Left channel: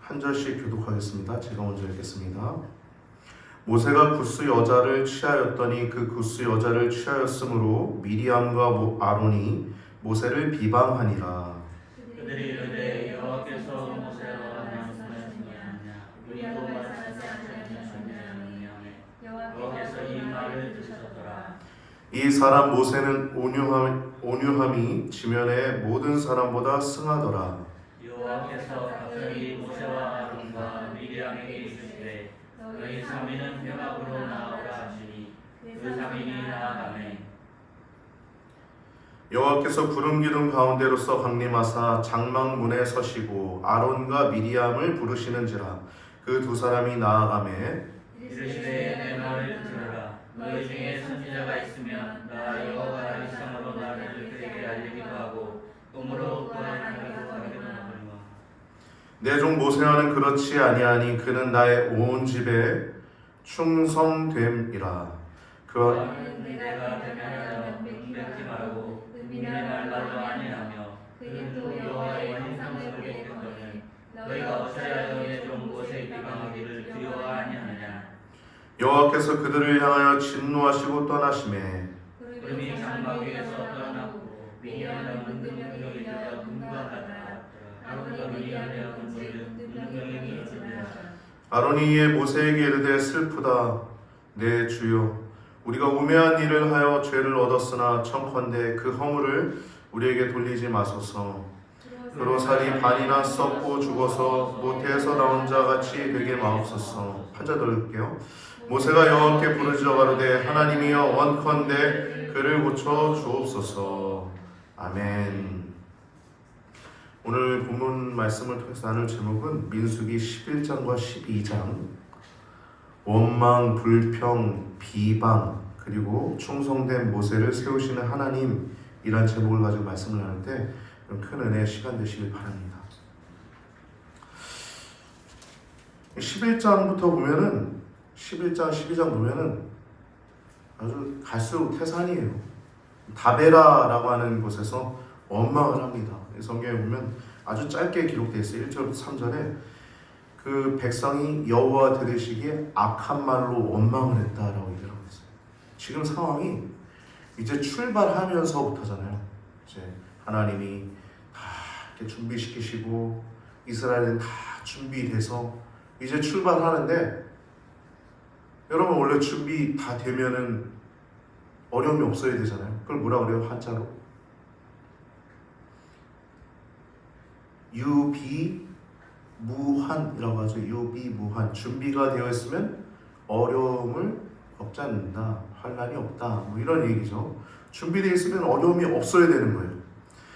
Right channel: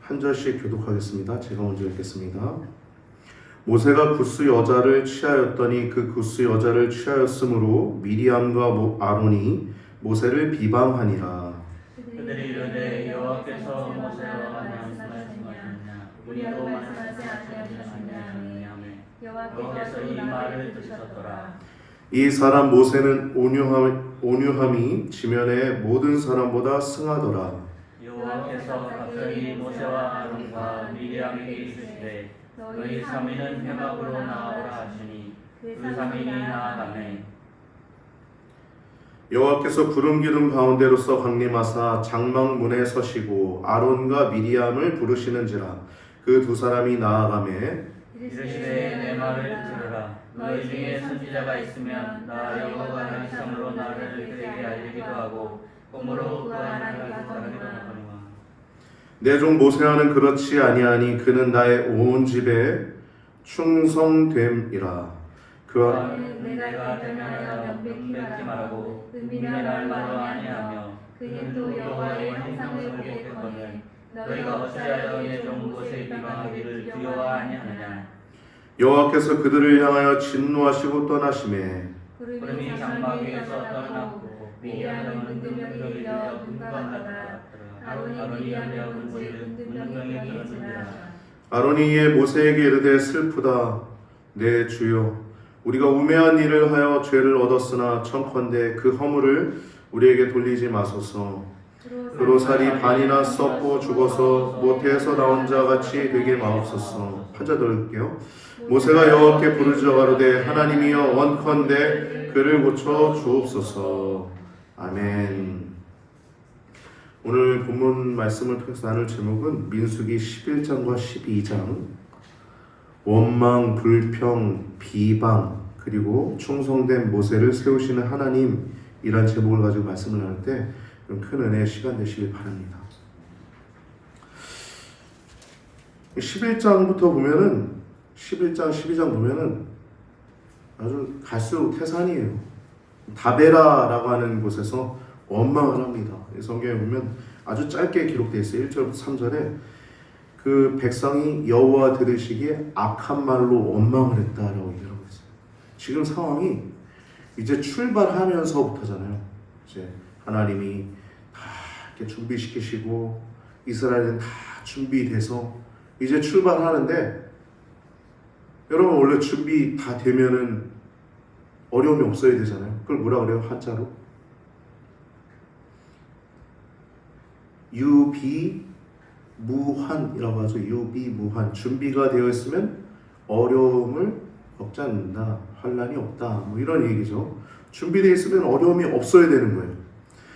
한 절씩 교독하겠습니다. 제가 먼저 읽겠습니다. 모세가 구스 여자를 취하였더니 그 구스 여자를 취하였으므로 미리암과 아론이 모세를 비방하니라. 그들이 이르되 여호와께서 모세와 말씀하셨느냐 우리도 말씀하지 아니하셨느냐 여호와께서 이 말을 들으셨더라. 이 사람 모세는 온유함이 지면의 모든 사람보다 승하더라. 여호와께서 갑자기 모세와 아론과 미리암에게 이르시되 너희 사민은 회막으로 나아오라 하시니 그 사민이 나아가매. 여호와께서 구름 기둥 가운데로서 강림하사 장막문에 서시고 아론과 미리암을 부르시는지라. 그 두 사람이 나아가매 이르시되 내 말을 들으라. 너희 중에 선지자가 있으면 나 여호와가 이성으로 나를 그에게 알리기도 하고 꿈으로 그 하나님을 하기도 하거니와. 내 종 모세와는 그렇지 아니하니 그는 나의 온 집에 충성됨이라. 그와 내가 대면하여 명백지 말고 은밀한 말로 아니하며 그는 또 여호와의 형상을 보게 되거늘 너희가 어찌하여 내 종 모세의 비방하기를 두려워하냐느냐. 여호와께서 그들을 향하여 진노하시고 떠나시매 구름이 장막 위에서 떠나고 미리암은 은근히 들려 분광하더라. 아론이 하려 군지를 은근히 들었느니라. 아론이 이에 모세에게 이르되 슬프다 내 주여 우리가 우매한 일을 하여 죄를 얻었으나 청컨대 그 허물을 우리에게 돌리지 마소서. 그로 살이 반이나 썩고 죽어서 모태에서 나온 자 같이 되게 마옵소서. 한자 더 읽을게요. 모세가 여호와께 부르짖어 가로되 하나님이여 원컨대 그를 고쳐 주옵소서. 아멘. 오늘 본문 말씀을 통해서 나눌 제목은 민수기 11장과 12장 원망, 불평, 비방 그리고 충성된 모세를 세우시는 하나님이란 제목을 가지고 말씀을 나눌 때 큰 은혜의 시간 되시길 바랍니다. 11장부터 보면은 11장, 12장 보면은 아주 갈수록 태산이에요. 다베라라고 하는 곳에서 원망을 합니다. 성경에 보면 아주 짧게 기록되어 있어요. 1절부터 3절에 그 백성이 여호와 들으시기에 악한 말로 원망을 했다라고 얘기하고 있어요. 지금 상황이 이제 출발하면서부터잖아요. 이제 하나님이 다 이렇게 준비시키시고 이스라엘은 다 준비돼서 이제 출발하는데 여러분 원래 준비 다 되면은 어려움이 없어야 되잖아요. 그걸 뭐라 그래요? 한자로 유비무환이라고 하죠. 유비무환. 준비가 되어 있으면 어려움을 겪지 않는다. 환난이 없다. 뭐 이런 얘기죠. 준비되어 있으면 어려움이 없어야 되는 거예요.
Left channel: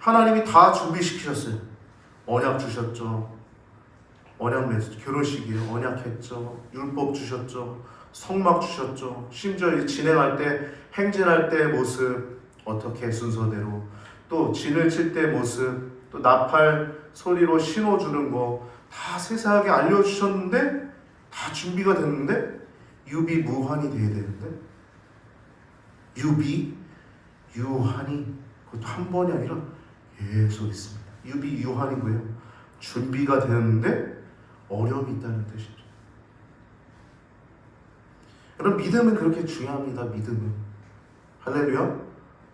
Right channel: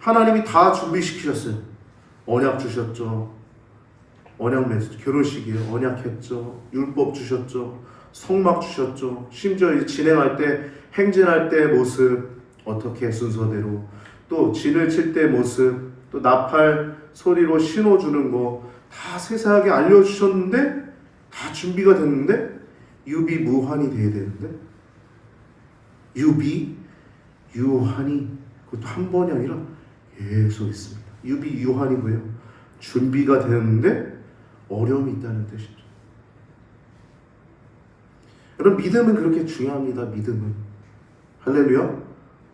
하나님이 다 준비시키셨어요. 언약 주셨죠. 언약 맺었죠. 결혼식이에요. 언약했죠. 율법 주셨죠. 성막 주셨죠. 심지어 진행할 때 행진할 때 모습 어떻게 순서대로 또 진을 칠 때 모습 또 나팔 소리로 신호 주는 거 다 세세하게 알려주셨는데 다 준비가 됐는데 유비무환이 돼야 되는데 유한이 그것도 한 번이 아니라 계속 있습니다. 유한이 뭐예요? 준비가 되는데 어려움이 있다는 뜻이죠. 여러분 믿음은 그렇게 중요합니다. 믿음은 할렐루야.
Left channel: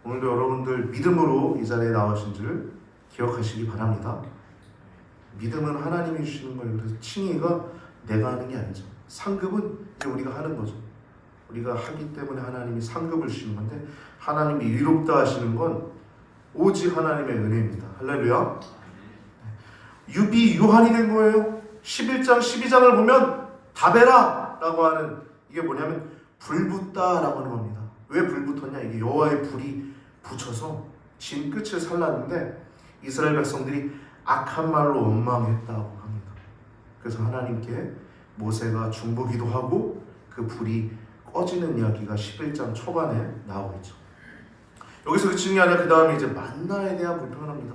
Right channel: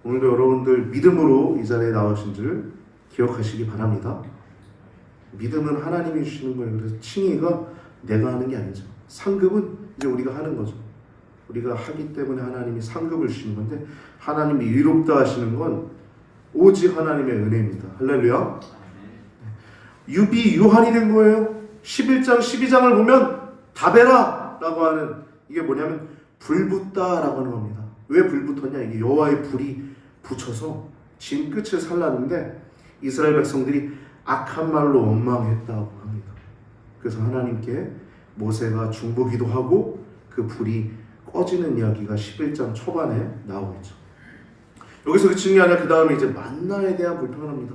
오늘도 여러분들 믿음으로 이 자리에 나오신 줄 기억하시기 바랍니다. 믿음은 하나님이 주시는 거예요. 그래서 칭의가 내가 하는 게 아니죠. 상급은 이제 우리가 하는 거죠. 우리가 하기 때문에 하나님이 상급을 주시는 건데 하나님이 의롭다 하시는 건 오직 하나님의 은혜입니다. 할렐루야. 유한이 된 거예요. 11장 12장을 보면 다베라라고 하는 이게 뭐냐면 불붙다라고 하는 겁니다. 왜 불붙었냐? 이게 여호와의 불이 붙여서 진 끝을 살랐는데 이스라엘 백성들이 악한 말로 원망했다고 합니다. 그래서 하나님께 모세가 중보기도 하고 그 불이 꺼지는 이야기가 11장 초반에 나오고 있죠. 여기서 그치는 게 아니라 그 다음에 이제 만나에 대한 불평합니다.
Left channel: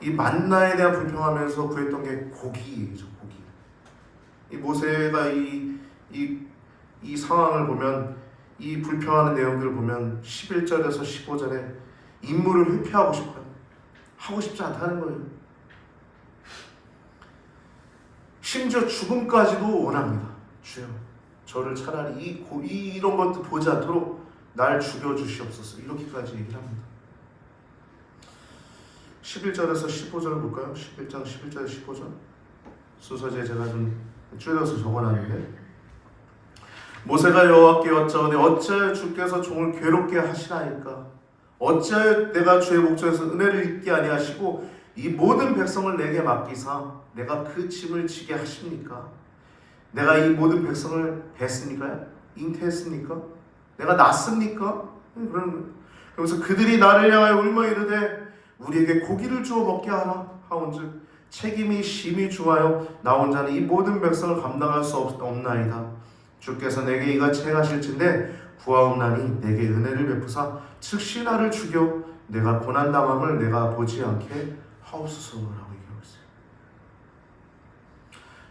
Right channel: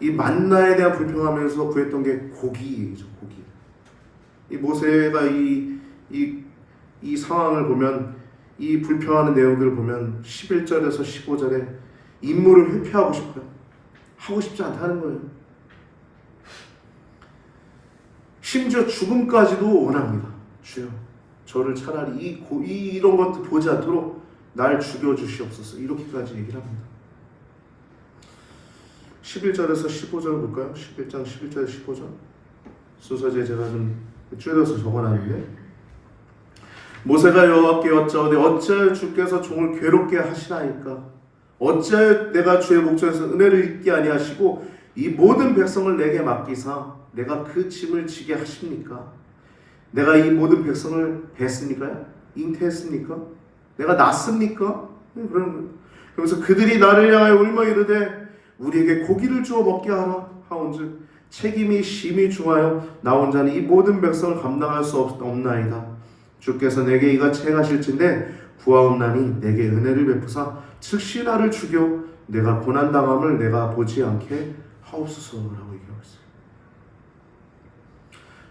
이 만나에 대한 불평하면서 구했던 게 고기죠. 고기. 이 모세가 이 상황을 보면 이 불평하는 내용들을 보면 11절에서 15절에 임무를 회피하고 싶어요. 하고 싶지 않다는 거예요. 심지어 죽음까지도 원합니다. 주여, 저를 차라리 이런 것도 보지 않도록 날 죽여주시옵소서. 이렇게까지 얘기를 합니다. 11절에서 15절 볼까요? 11장 11절 15절 순서제 제가 좀 줄여서 적어놨는데, 모세가 여호와께 여짜오되 어찌하여 주께서 종을 괴롭게 하시나이까? 어찌하여 내가 주의 목전에서 은혜를 잊게 아니하시고 이 모든 백성을 내게 맡기사 내가 그 짐을 지게 하십니까? 내가 이 모든 백성을 뱄습니까? 잉태했습니까? 내가 낳습니까? 그러면서 그들이 나를 향하여 울며 이르되 우리에게 고기를 주어 먹게 하라 하온즉 책임이 심히 중하여 나 혼자는 이 모든 백성을 감당할 수 없나이다. 주께서 내게 이같이 행하실진대 구하옵나니 내게 은혜를 베푸사 즉시 나를 죽여 내가 고난당함을 내가 보지 않게 하옵소서라고 얘기하고 있어요.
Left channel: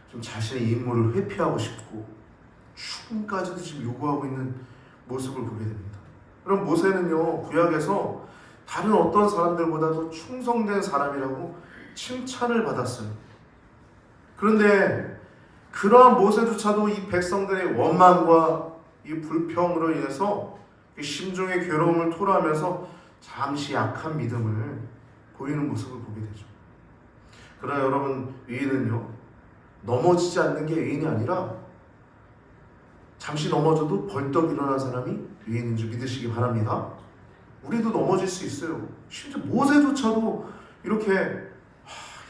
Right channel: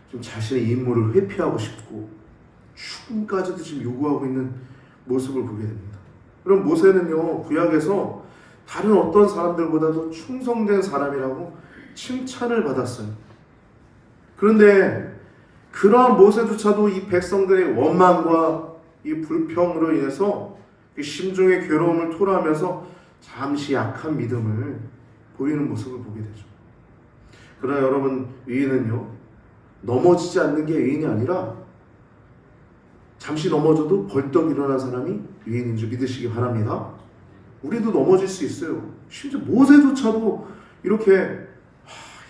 좀 자신의 임무를 회피하고 싶고 죽음까지도 지금 요구하고 있는 모습을 보게 됩니다. 그럼 모세는요, 구약에서 다른 어떤 사람들보다도 충성된 사람이라고 칭찬을 받았어요. 그런데 그러한 모세조차도 이 백성들의 원망과 이 불평으로 인해서 심중의 괴로움을 토로하면서 잠시 약한 믿음을 보이는 모습을 보게 되죠. 그러나 여러분, 의인은요, 넘어지지 않는 게 의인이 아니라 잠시 넘어져도 벌떡 일어난 사람이 의인인 줄 믿으시기 바랍니다. 우리도 넘어질 수 있어요. 심지어 모세조차도 이렇게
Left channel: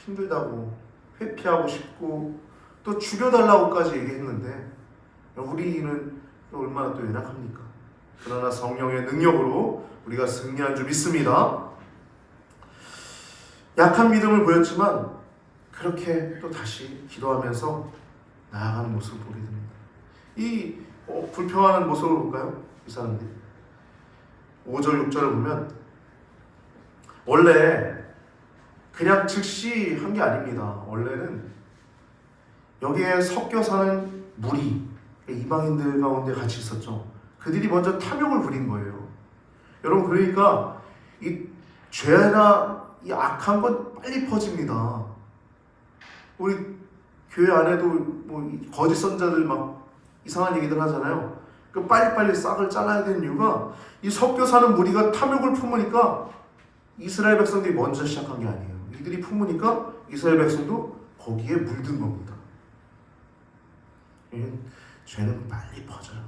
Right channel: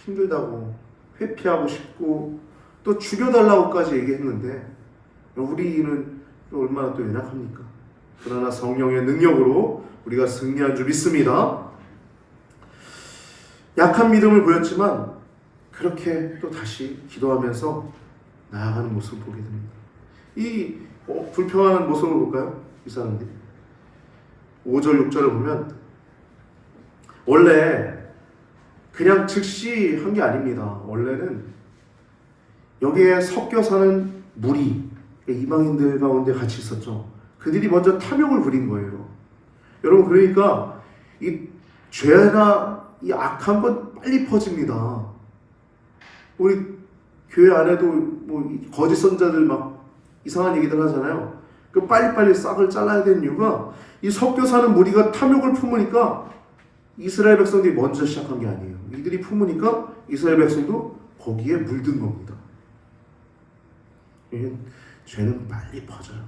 힘들다고 회피하고 싶고 또 죽여달라고까지 얘기했는데 우리는 또 얼마나 또 연약합니까? 그러나 성령의 능력으로 우리가 승리한 줄 믿습니다. 약한 믿음을 보였지만 그렇게 또 다시 기도하면서 나아가는 모습을 보게 됩니다. 이 불평하는 모습을 볼까요? 이 사람들이 5절 6절을 보면 원래 그냥 즉시 한 게 아닙니다. 원래는 여기에 섞여 사는 무리, 이방인들 가운데 같이 있었죠. 그들이 먼저 탐욕을 부린 거예요. 여러분, 그러니까 이 죄나 이 악한 건 빨리 퍼집니다. 우리 교회 안에도 뭐 거짓 선자들 막 이상한 얘기들 하잖아요. 그 빨리빨리 싹을 잘라야 되는 이유가 이 섞여 사는 무리가 탐욕을 품으니까 이스라엘 백성들이 먼저 시작한 게 아니에요. 이들이 품으니까 이스라엘 백성도 거기에 물든 겁니다. 죄는 빨리 퍼져요.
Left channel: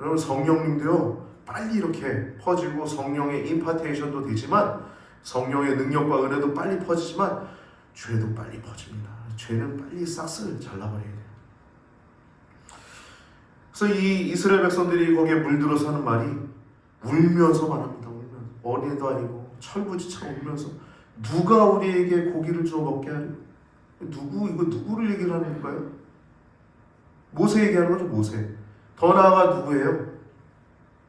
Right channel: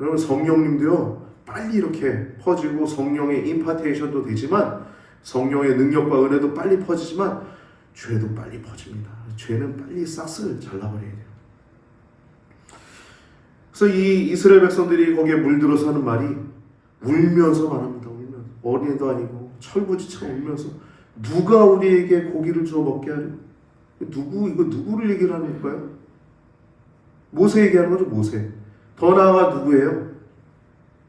여러분, 성령님도요, 빨리 이렇게 퍼지고 성령의 임파테이션도 되지만 성령의 능력과 은혜도 빨리 퍼지지만 죄도 빨리 퍼집니다. 죄는 빨리 싹을 잘라버려야 돼요. 그래서 이 이스라엘 백성들이 거기에 물들어서 하는 말이 울면서 말합니다. 울면서. 어린애도 아니고 철부지처럼 울면서 누가 우리에게 고기를 주어 먹게 하려? 이거 누구를 얘기를 하는 걸까요? 모세 얘기하는 거죠. 모세. 더 나아가 누구예요?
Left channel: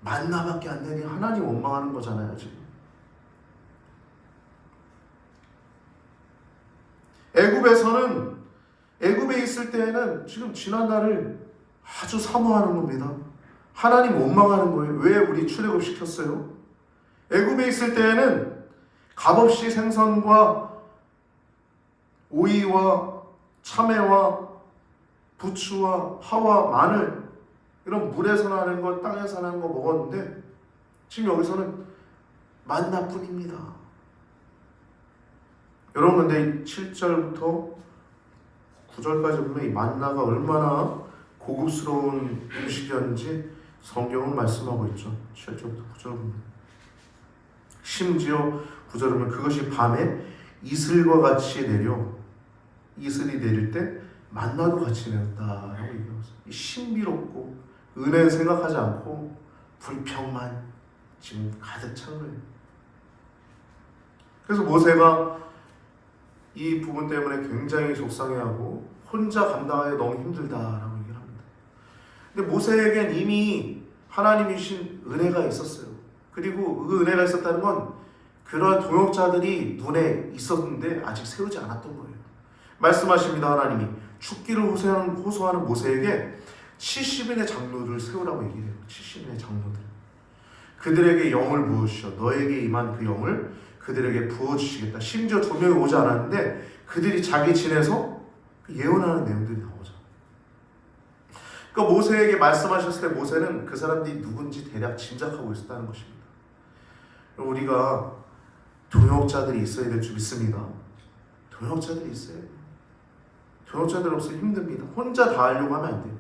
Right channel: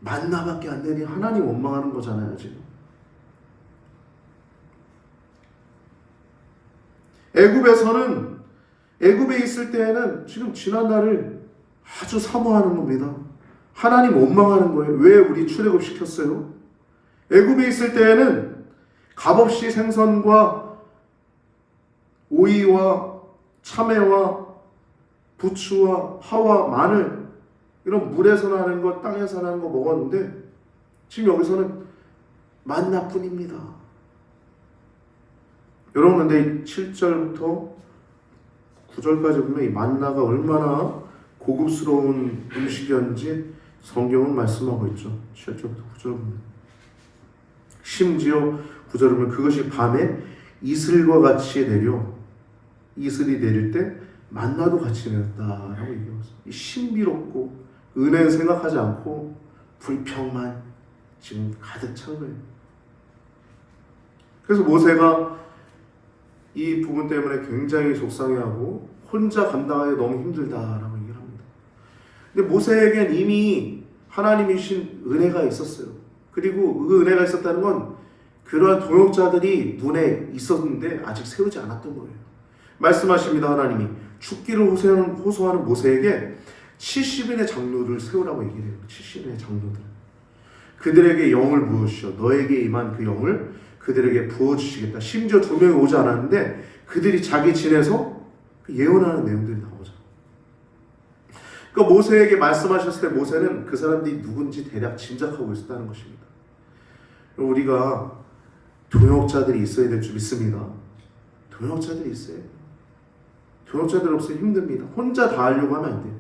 만나밖에 안 되니 하나님 원망하는 거잖아요. 지금 애굽에 있을 때에는 지금 지난 날을 아주 사모하는 겁니다. 하나님 원망하는 거예요. 왜 우리 출애굽 시켰어요? 애굽에 있을 때에는 값없이 생선과 오이와 참외와 부추와 파와 마늘, 이런 물에서 나는 거, 땅에서 나는 거 먹었는데 지금 여기서는 만나뿐입니다. 여러분, 근데 7절부터 9절까지 보면 이 만나가 얼마나 고급스러운 음식이었는지 성경은 말씀하고 있죠. 7절부터 9절 보면 심지어 9절을 보면 그것이 밤에 이슬과 같이 내려, 이슬이 내릴 때 만나도 같이 내렸다 하고 얘기했어요. 신비롭고 은혜 생각하지 않고 불평만 지금 가득 찬 거예요. 그래서 모세가 이 부분 때문에 굉장히 속상해하고 혼자 감당하기 너무 힘들다라고 얘기를 합니다. 근데 모세에겐 이미 하나님이신 은혜가 있었어요. 그리고 그 은혜가 있었다는 건 그러한 동역자들이 눈에 있었는데 아직 세우지 않았던 거예요. 말씀하십니다. 하나님이 죽기를 호소하는 모세에게 70인의 장로를 세우라고 얘기를 해요. 70인의 장로들. 그들에게 영을 부으시어 너에게 임한 그 영을 그들에게 부어주시겠다. 심지어 2명이 오지 않았는데 그들이 자기 진에서 그 예언하는 내용들이 나오죠. 그러니까 모세에게 말씀하셨을 때 모세는 그 사람들이 누군지 대략 짐작하고 있었다는 것입니다. 우리가 동역자들이 있어야 될 줄 믿습니다. 동역자들이 있어야 돼요. 동역자들 없으면 힘듭니다. 혼자 다 하려고 하면 안 돼요.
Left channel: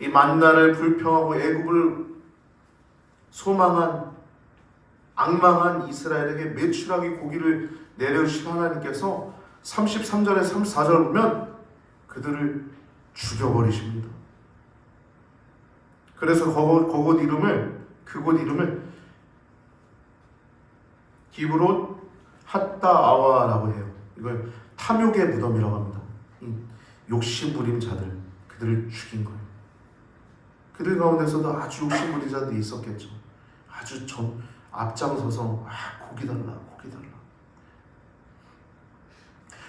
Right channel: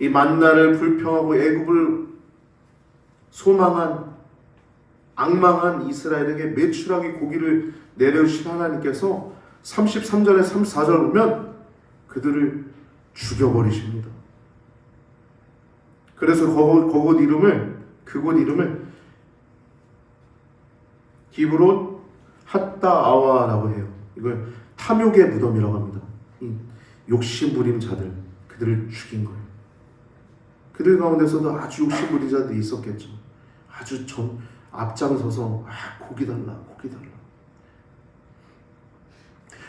이 만나를 불평하고 애굽을 소망한 악망한 이스라엘에게 메추라기 고기를 내려주신 하나님께서 33절에 34절 보면 그들을 죽여버리십니다. 그래서 그곳 이름을 히브론 핫다아와라고 해요. 이걸 탐욕의 무덤이라고 합니다. 이 욕심 부린 자들, 그들을 죽인 거예요. 그들 가운데서도 아주 욕심 부린 자들이 있었겠죠. 아주 앞장서서 고기 달라.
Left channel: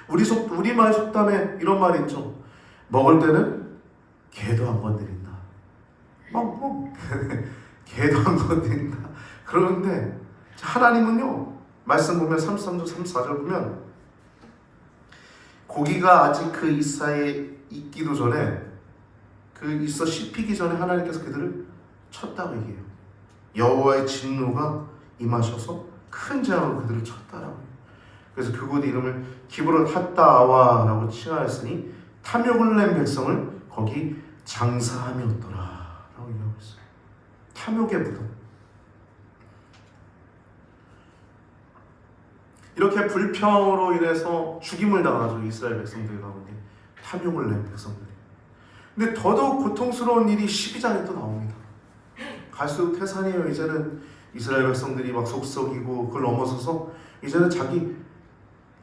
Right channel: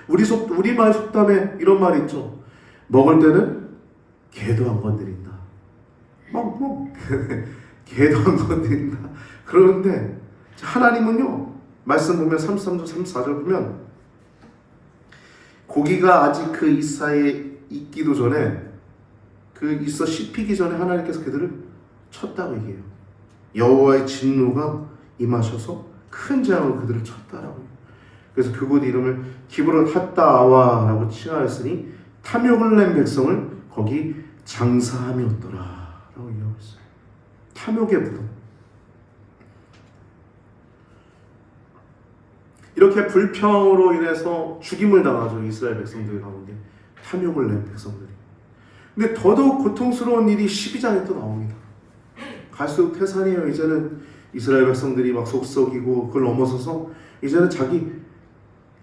우리말 속담에 이런 말이 있죠. 먹을 때는 개도 안 건드린다. 개도 안 건드린다. 그러는데 하나님은요, 말씀 보면 33절 34절 보면 고기가 아직 그 이사에 있기도 전에 그 있어 씹히기 전에 하나님께서 그들을 쳤다고 얘기해요. 여호와의 진노가 임하셔서 큰 재앙으로 그들을 쳤다라고 해요. 그래서 그곳 이름을 기브론 핫다아와라고 칭하였으니 탐욕을 낸 백성을 거기 장사함이었더라 라고 얘기하고 있어요. 탐욕의 무덤. 이렇게 불평으로 인해서 죽임을 당하죠. 이스라엘 백성들 가운데 탐욕을 낸 백성들이. 근데 더더욱 고통스러운 일이 12장에 또 나옵니다. 갈수록 태산이에요. 이제는 이스라엘 백성들이 막 속썩이고 그걸 넘어서서 이제는 자기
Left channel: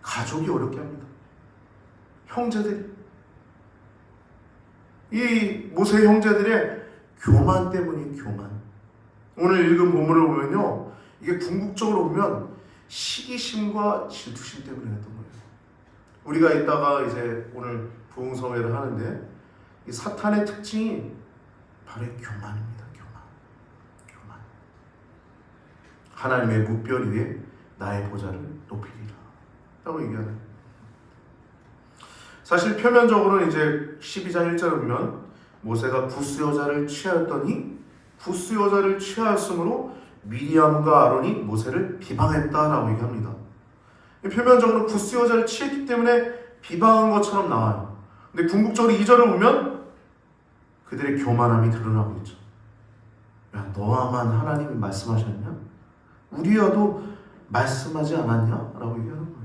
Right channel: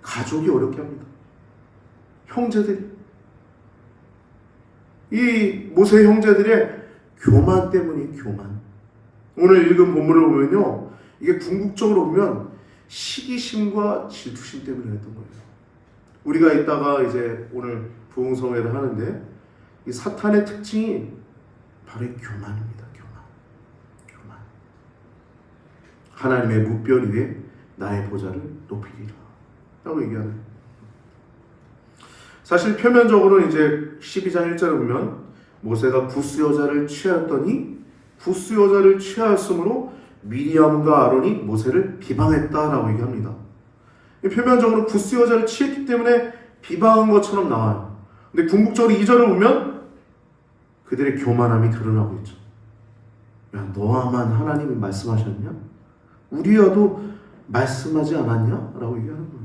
가족이 어렵게 합니다. 형제들이. 이 모세 형제들의 교만 때문이에요. 교만. 오늘 읽은 본문을 보면요, 이게 궁극적으로 보면 시기심과 질투심 때문에 했던 거예요. 우리가 이따가 이제 오늘 부흥성회를 하는데 이 사탄의 특징이 바로 이 교만입니다. 교만. 하나님의 무별 위에 나의 보좌를 높이리라 라고 얘기하는. 사실 표면적으로는 이제 12장 1절을 보면 모세가 구스 여자를 취하였더니 구스 여자를 취하였으므로 미리암과 아론이 모세를 비방했다라고 얘기합니다. 표면적으로 구스 여자를 취했기 때문에 비방한 것처럼 나와요. 근데 궁극적으로 2절을 보면 그들의 교만함이 드러나고 있죠. 야, 너와만 하나님이 말씀하셨냐? 우리와도 말씀하지 않았냐? 라고 얘기하는 거예요.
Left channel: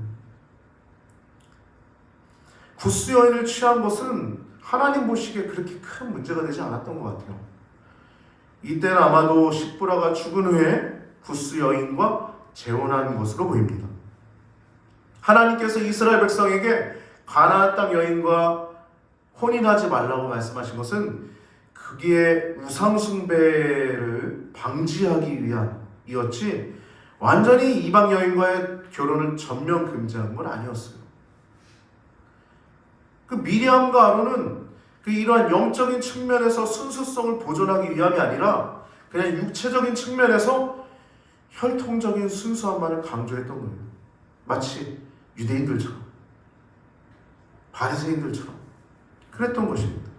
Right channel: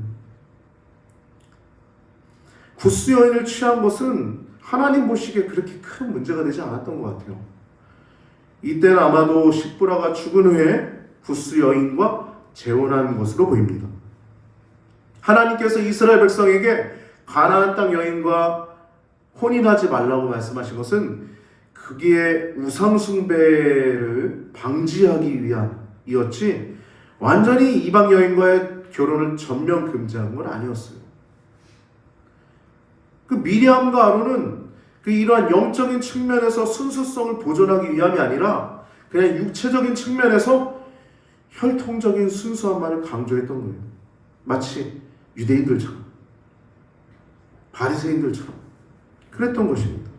구스 여인을 취한 것은 하나님 보시기에 그렇게 큰 문제가 되지 않았던 것 같아요. 이때는 아마도 십부라가 죽은 후에 구스 여인과 재혼한 것으로 보입니다. 하나님께서 이스라엘 백성에게 가나안 땅 여인과 혼인하지 말라고 말씀하신 것은 그게 우상 숭배를 방지하기 위함이었지 완전히 이방 여인과의 결혼을 전면 금지한 건 아니었어요. 그 미리암과 아론은 그 이러한 영적인 측면에서 순수성을 보존하기 위함이 아니라 그냥 육체적인 측면에서 혈통적인 순수함만을 강조했던 거예요. 마치 유대인들처럼, 바리새인들처럼 그랬던 것입니다.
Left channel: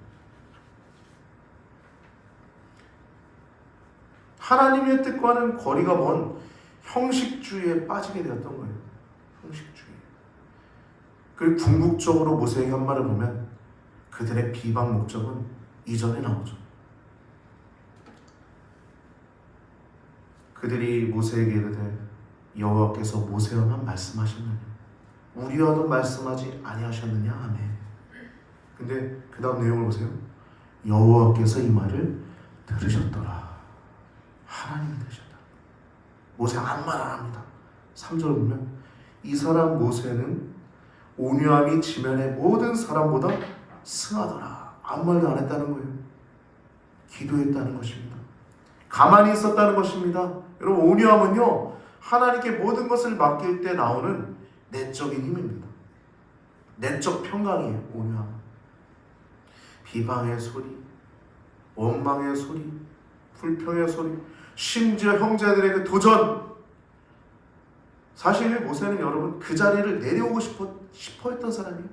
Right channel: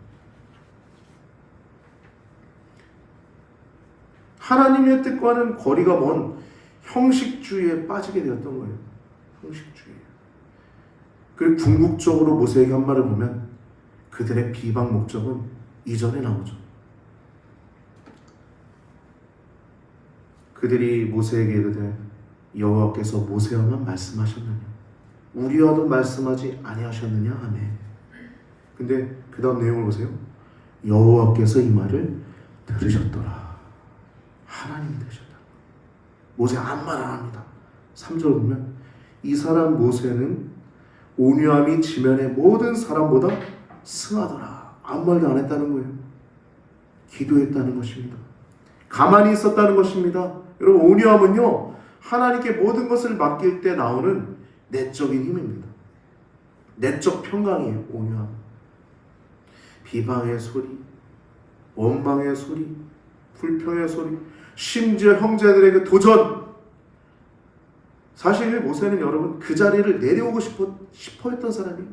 하나님의 뜻과는 거리가 먼 형식주의에 빠지게 되었던 거예요. 형식주의. 그리고 궁극적으로 모세에게 한 말을 보면 그들의 비방 목적은 이전에 나오죠. 그들이 모세에게 이르되 여호와께서 모세와만 말씀하셨느냐 우리와도 말씀하지 아니하셨느냐 하매. 근데 그 다음 내용을 보세요. 여호와께서 이 말을 들으셨더라. 하나님이 들으셨다. 모세 아무 말 안 합니다. 3절 보면 이 사람 모세는 온유함이 지면의 모든 사람보다 승하더라. 아무 말도 안 했다는 거예요. 기도했다는 것입니다. 가만히 있었다는 것입니다. 여러분, 온유함은요 하나님께 모든 것을 맡길 때 나오는 내적인 힘입니다. 내적 평강이에요. 온유함. 비방의 소리, 원망의 소리, 불평의 소리, 심지어 형제들에게 도전. 사실 모세는 여러분 그 자리를 내려오고 싶어 했던 사람이에요.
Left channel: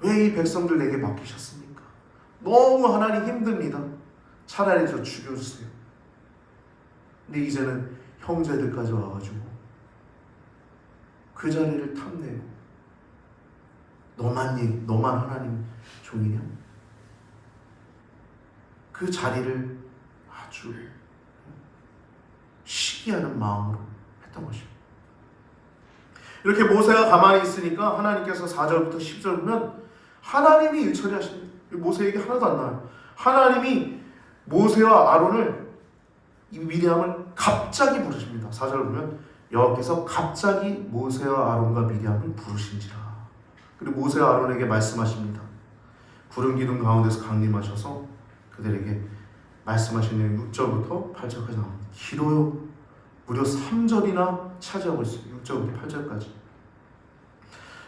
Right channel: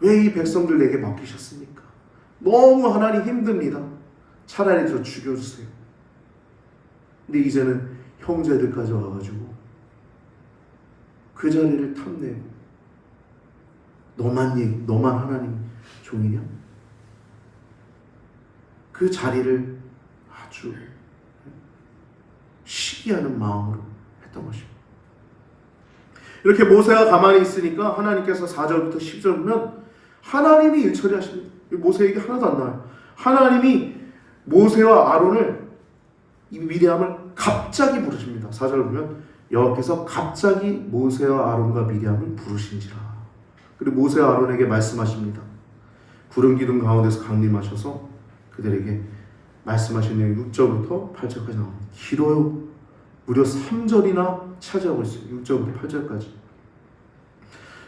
왜 이 백성들 내게 맡기셨습니까? 너무 하나님 힘듭니다. 차라리 저 죽여주세요. 근데 이제는 형제들까지 와가지고 그 자리를 탐내고 너만 하나님 종이냐? 그 자리를 아주 시기하는 마음으로 했던 것입니다. 이렇게 모세가 가만히 있으니까 하나님께서 4절부터 10절 보면 하나님이 일 처리하십니다. 모세 얘기 하나도 안 나와요. 하나님이 모세와 아론을, 이 미리암을 갑자기 부르십니다. 4절 보면 여호와께서 갑자기 모세와 아론과 미리암을 부르신지라. 그리고 모세와 아론에게 말씀하십니다. 구름 기둥 가운데서 강림하셔서 그들에게 말씀하신 내용 6절부터 8절까지 나옵니다. 길어요. 무려 3절이나 차지하고 있어요. 6절부터 8절까지.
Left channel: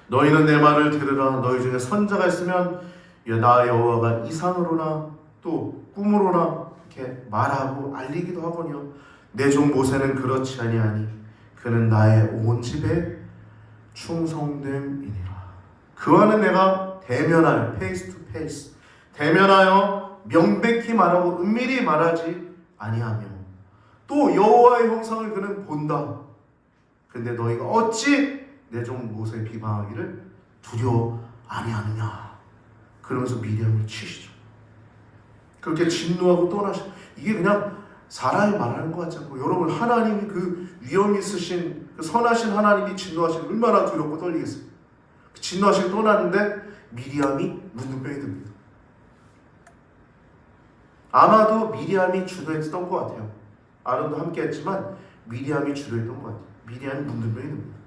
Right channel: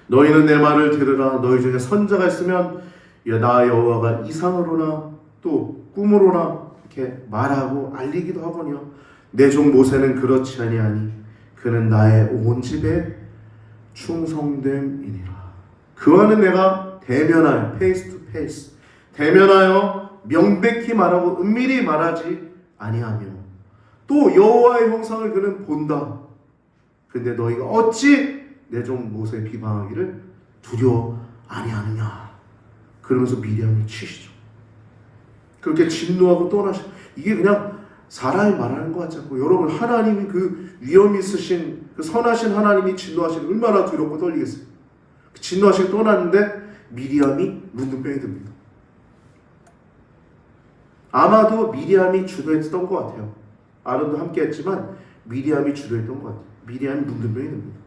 너희는 내 말을 들으라. 너희 중에 선자가 있으면 나 여호와가 이상으로나 또 꿈으로나 이렇게 말하고 알리기도 하거니와 내 종 모세는 그렇지 아니하니 그는 나의 온 집에 충성됨이니라. 그와는 내가 대면하여 페이스 투 페이스 대면하여 명백히 말하고 은밀히 말하지 아니하며 또 여호와의 형상을 그는 본다. 근데 너희가 어찌 내 종 모세 비방하기를 두려워 아니하느냐. 그러면서 미리암을 치시죠. 그렇게 진노하고 떠나시. 이게 그냥 사람이 말하는 것 같지 않고 여러분 하나님이 그 위엄 있으신 그 선하신 하나님이 진노하신 얼마나 두렵고 떨리겠어요. 진노하시고 떠났는데 미리암이 문둥병이 듭니다. 아마도 미리암이 주도했던 것 같아요. 아론도 함께했지만 미리암이 주도했던 것 같아요. 미리암이 문둥병이 듭니다.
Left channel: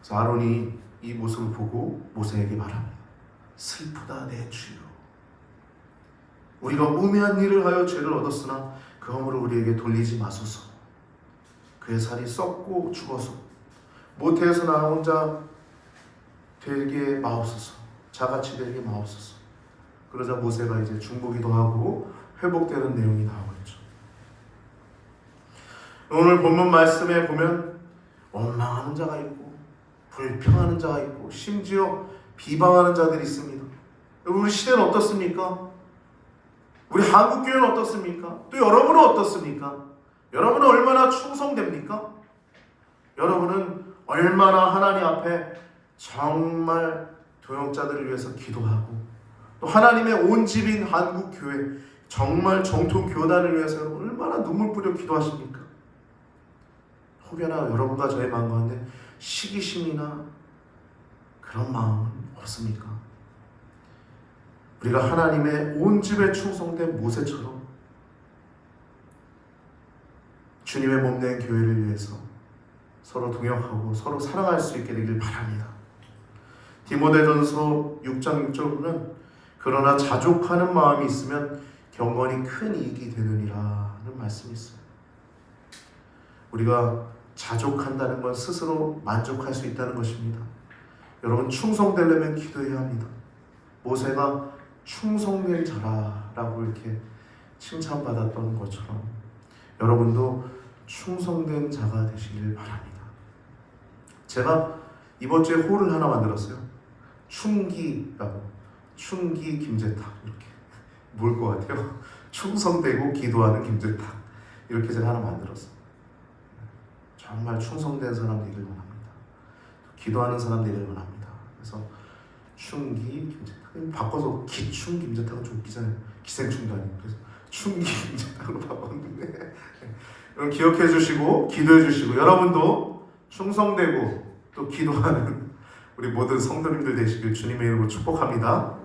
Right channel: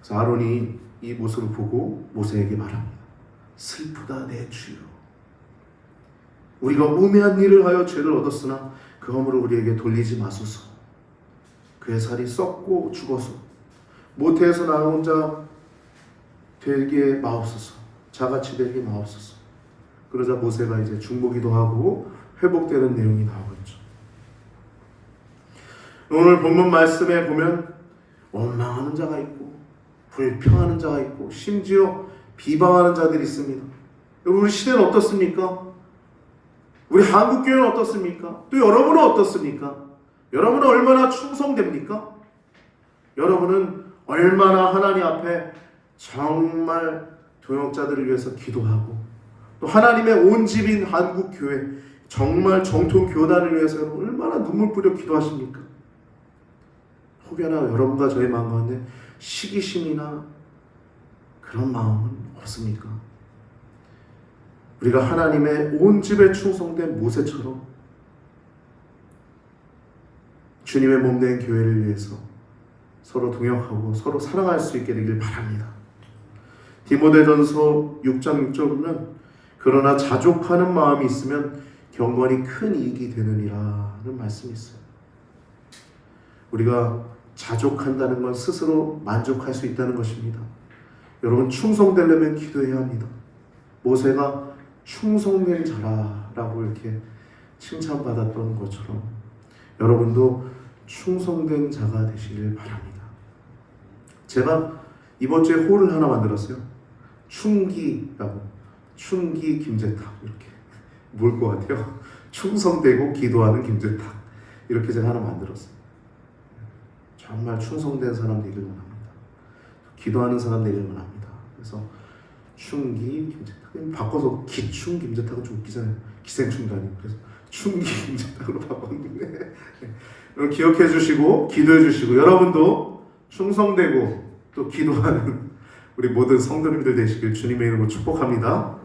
그래서 아론이 이 모습을 보고 모세에게 말합니다. 슬프다 내 주여. 우리가 우매한 일을 하여 죄를 얻었으나 그 허물을 우리에게 돌리지 마소서. 그의 살이 썩고 죽어서 모태에서 나 혼자 되게 마옵소서. 자같이 되게 마옵소서. 그러자 모세가 이제 중보기도 하고 회복되는 내용이 나오고 있죠. 오늘 본문 말씀에 보면 원망하는 자가 있고 불평하는 자가 있고 심지어 비방하는 자들이 있습니다. 여러분 우리 시대는 어떻습니까? 우리 한국교회는 어떻습니까? 또 여러분은 어떻습니까? 여러분은 얼마나 충성됩니까? 여러분은 얼마나 하나님 앞에 정말 도역자들을 위해서 기도하고 또 하나님의 온 집인 한국교회 정말 정통 교단을 위해서 여러분 얼마나 눈물 뿌려 기도하십니까? 혹여나 여러분과 저의 마음 가운데 시기심이나 그런 마음은 없습니까? 우리가 하나님의 온 집에 충성된 모세처럼 주님의 몸된 교회를 위해서 서로 동역하고 서로 사랑할 수 있게 되길 바랍니다. 디모데전서 6장 6절 보면 그러나 자족하는 마음이 있으면 경건이 큰 이익이 되느니라는 말씀이 있어요. 우리가 자족한다는 건 스스로 만족할 수 있다는 것입니다. 여러분 충성되려면 기도해야 합니다. 모세가 충성된 자라라고 이렇게 칭찬받았던 것처럼 여러분도 충성된 자가 되시길 바랍니다. 제가 이번 주에 홀을 하나 만들었어요. 충기라고. 충기 김재탁 이렇게. 뭘 것 같아요? 충성되고 기도하는 김재탁 이렇게 제가 하나 만들었어요. 정말 충성된 사람 되길 원합니다. 기도하는 사람 되길 원합니다. 그래서 충기 김재탁 바꿔서 기충 김재탁은 좀 웃기잖아요. 기생충도 아니고. 그래서 충기 김재탁으로 바꿨는데 여러분 기억해 주시고 기도해 주시고 여러분도 충성되고 또 기도하는 우리 모든 성도님들 되시길 주님의 이름으로 축복합니다.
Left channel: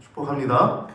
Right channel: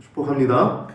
축복합니다.